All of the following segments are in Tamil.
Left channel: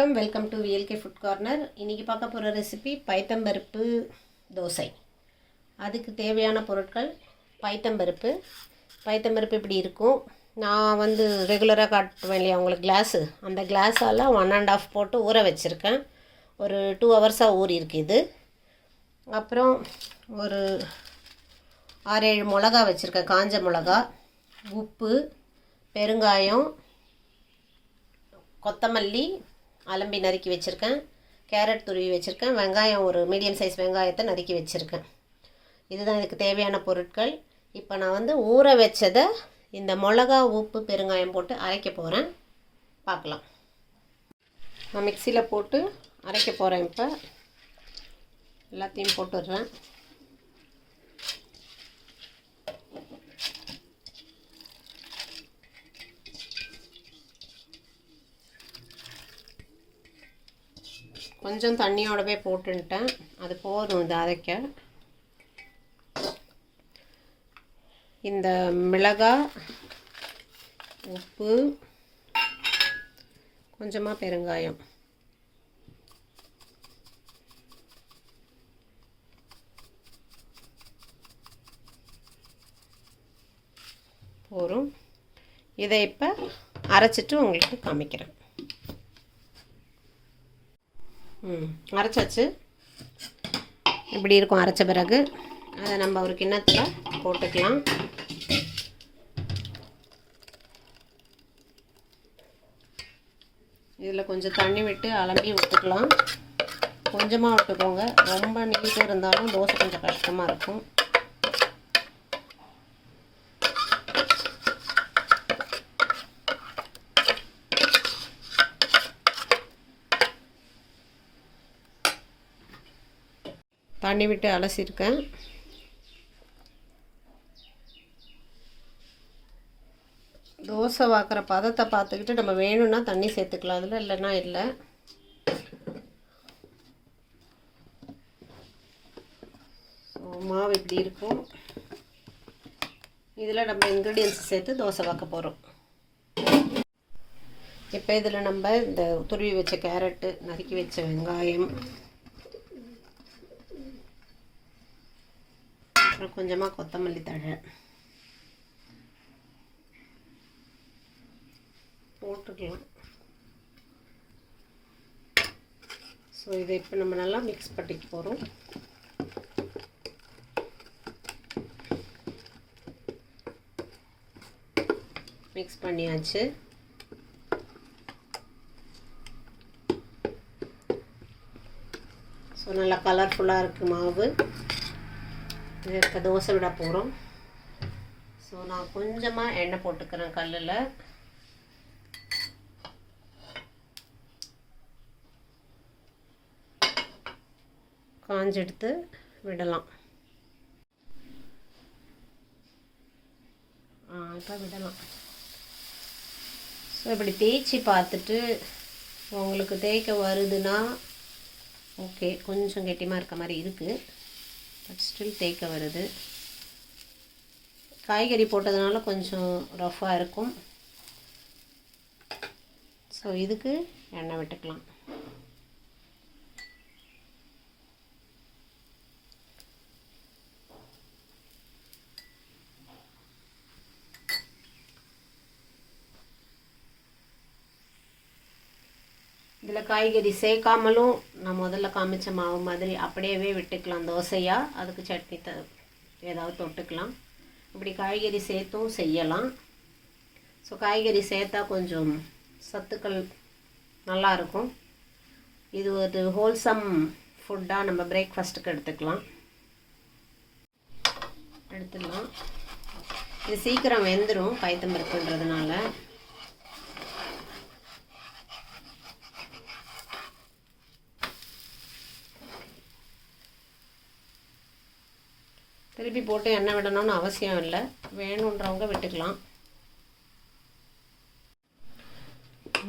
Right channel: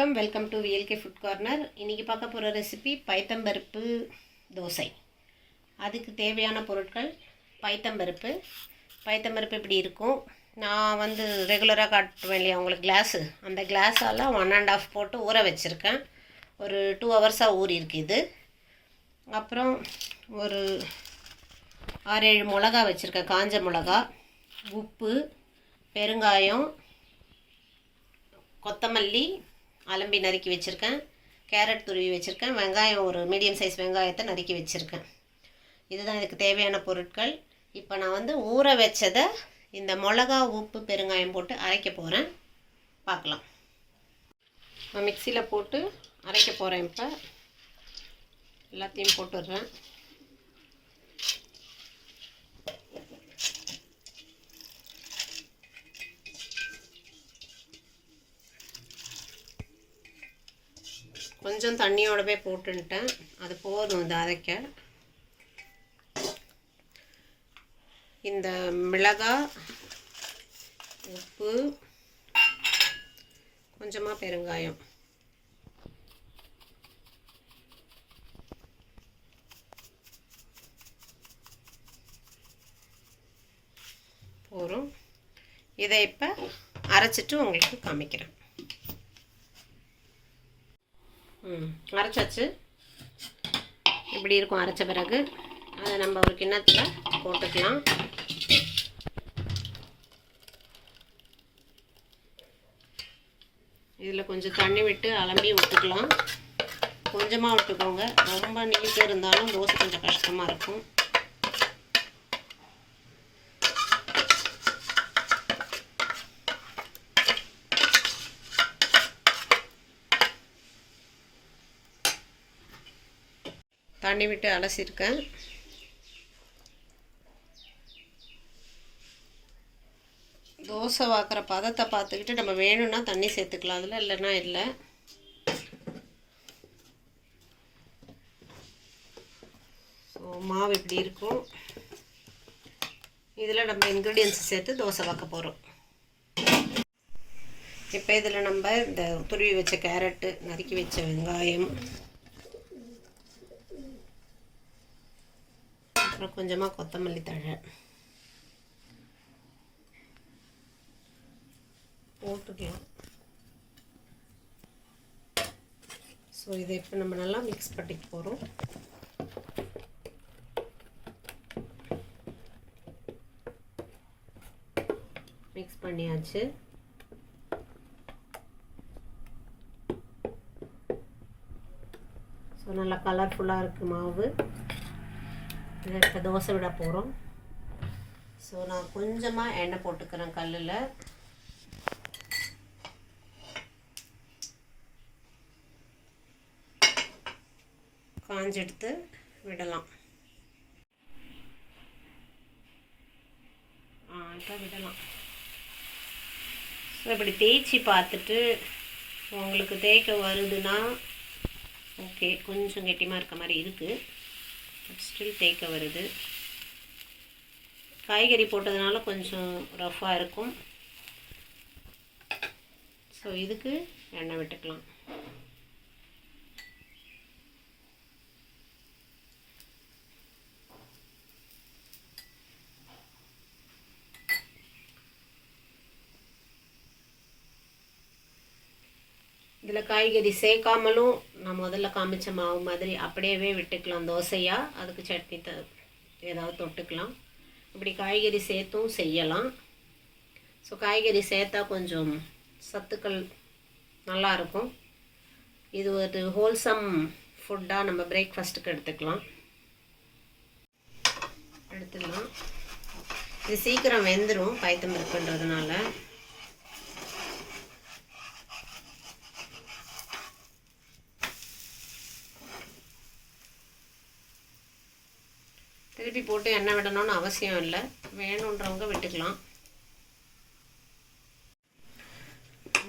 Welcome to VLK food corner. இன்றைக்கி பார்க்க போகிற ரெசிபி பைத்தம்பருப்பு தோசை. அதுக்கு தேவையான பொருட்கள் பைத்தம்பருப்பு இப்படி இருக்கும். நான் ரெகுலராக காட்டுவேன் இல்லையா உங்களுக்கு கிளாஸு, அந்த கிளாஸால் 1.5 போட்டு ஊற வச்சுருக்கேன். ஒரு 2 ஹவர்ஸாக ஊறியிருக்கு இது. அப்புறம் ஒரு 6-7 மிளகா வச்சுருக்கேன், காஞ்ச மிளகா, உப்பு, பெருங்காயம், கொத்தமல்லி அலம்பி நறுக்கி வச்சுருக்கேன், கேரட் துருவி வச்சுருக்கேன், வெங்காயம் ஒரு மீடியம் சைஸ் வெங்காயத்தை நறுக்கி வச்சுருக்கேன். இதுதான் இதுக்கு தேவையான பொருட்கள். இப்போ நான் ஊற வச்சதை இந்த மிளகா, உப்பு, பெருங்காயம் போட்டு அரைக்க போகிறேன். பார்க்கலாம். நான் மிக்சியில் போட்டு அரைக்க போகிறேன். இப்போ எல்லாத்தையும் போட்டுடுறேன். கொஞ்சம் தண்ணியோடவே போட்டுட்டேன், அது போதும் இது அரைக்க. இந்த மிளகாய், உப்பு, கொஞ்சமாக பெருங்காயம், போதும். இதை இப்போ அரைச்சிட்டு உங்களுக்கு காமிக்கிறேன். அரைச்சாச்சு. இப்படி இருக்கும் அரைச்ச பிறகு. அதை நம்ம ஒரு கிண்ணத்தில் போட்டுக்கலாம். இதில் கொஞ்சம் தண்ணி விட்டு அலம்பி விட்டுக்கலாம். கொஞ்சமாக விட்டுக்கோங்க, ரொம்ப நீட்டாக இருந்தாலும் தோசை கொஞ்சம் கஷ்டமாக இருக்கும். தண்ணி விட்டு அலசியிருக்கேன். தோசை வாக்குற பதத்தை பார்த்துக்கிட்டு நம்ம வேணும்னா தண்ணி சேர்த்துக்கலாம் அதில், இல்லைன்னா இல்லை. ஸோ மாவு இப்படி இருக்கும். இதில் நம்ம இன்க்ரீடியன்ஸ் சேர்த்து தோசை வாக்க போகிறோம். இப்போ இதில் நம்ம இந்த துருவி வச்ச கேரட்டு, நறுக்கி வச்ச வெங்காயம், அப்புறம் கொஞ்சமாக கொத்தமல்லி தழை போட்டுக்கலாம். ஸோ இதை இப்போ நம்ம நல்லா மிக்ஸ் பண்ணிக்க போகிறோம். மிக்ஸ் பண்ணியாச்சு. ஸோ நல்லா கலர்ஃபுல்லாக இருக்குது மாவு. இதை இப்போ தோசை விட போகிறோம். ஸோ நான் கொஞ்சமாக எண்ணெய் போட்டுக்கிறேன் கல்லில். காஞ்செடுத்து விடலாம். இப்போ விடலாம். ஸோ இப்படி தேய்ச்சி பார்த்துட்டு உங்களுக்கு தேய்க்க வருதுன்னா ஓகே, கொஞ்சம் கெட்டியமாக இருக்க மாதிரி இருக்குது, பட் ஸ்டில் தேய்க்க வருது. காய்கறி போட்டதுனால கொஞ்சம் ரஃப்பாக இருக்கும். ஸோ இதுக்கு எண்ணெய் விட்டுக்கலாம். இதில் காய்கறி சேர்க்காமலும் நான் முதல்ல காமிச்ச மாவு மாதிரி அப்படியே விட்டுக்கலாம் தோசையாக. அதுக்கு சட்னி ஏதாவது தொட்டுக்கலாம். இப்படி காய்கறி சேர்த்தும் செய்யலாம். ஸோ காய்கறி சேர்த்தா கொஞ்சம் சத்துக்கள் நல்லாயிருக்கும். இது ஒரு ஹோல்சம் ஃபுட்டாக நம்ம பிரேக்ஃபாஸ்ட்டுக்கு எடுத்துக்கலாம். இது சீக்கிரம் வெந்துடும் பைத்தம்பருப்புன்றதுனால. திருப்பி போட்டு எண்ணெய் விடணும்னு அவசியம் இல்லை, வேணுன்றவங்க விட்டுக்கலாம்.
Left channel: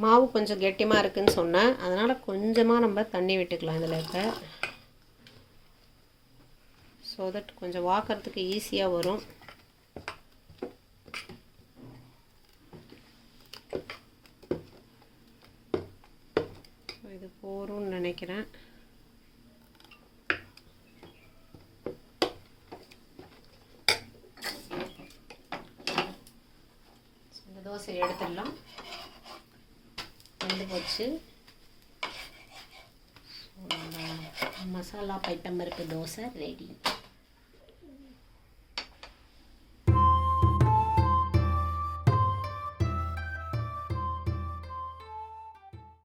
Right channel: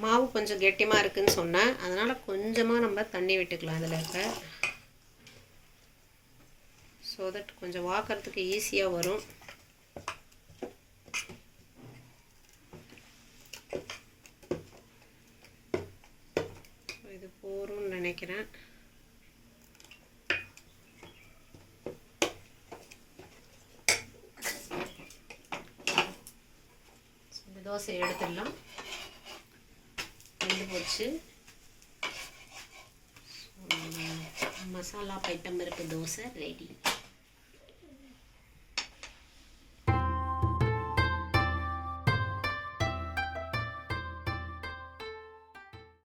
மாவு கொஞ்சம் கெட்டியமாக இருக்குதுன்னு சொன்னேன், அதனால் கொஞ்சமாக நம்ம தண்ணி விட்டுக்கலாம் இதில் இருக்க. ஸோ தட் கொஞ்சம் வாக்கிறதுக்கு ஈஸியாக வரும். போரும்னு நினைக்கிறேன். இந்த தோசை எடுத்துடலாம். வெந்து போச்சு. மசாலா பைத்தம்பருப்பு தோசை ரெடி.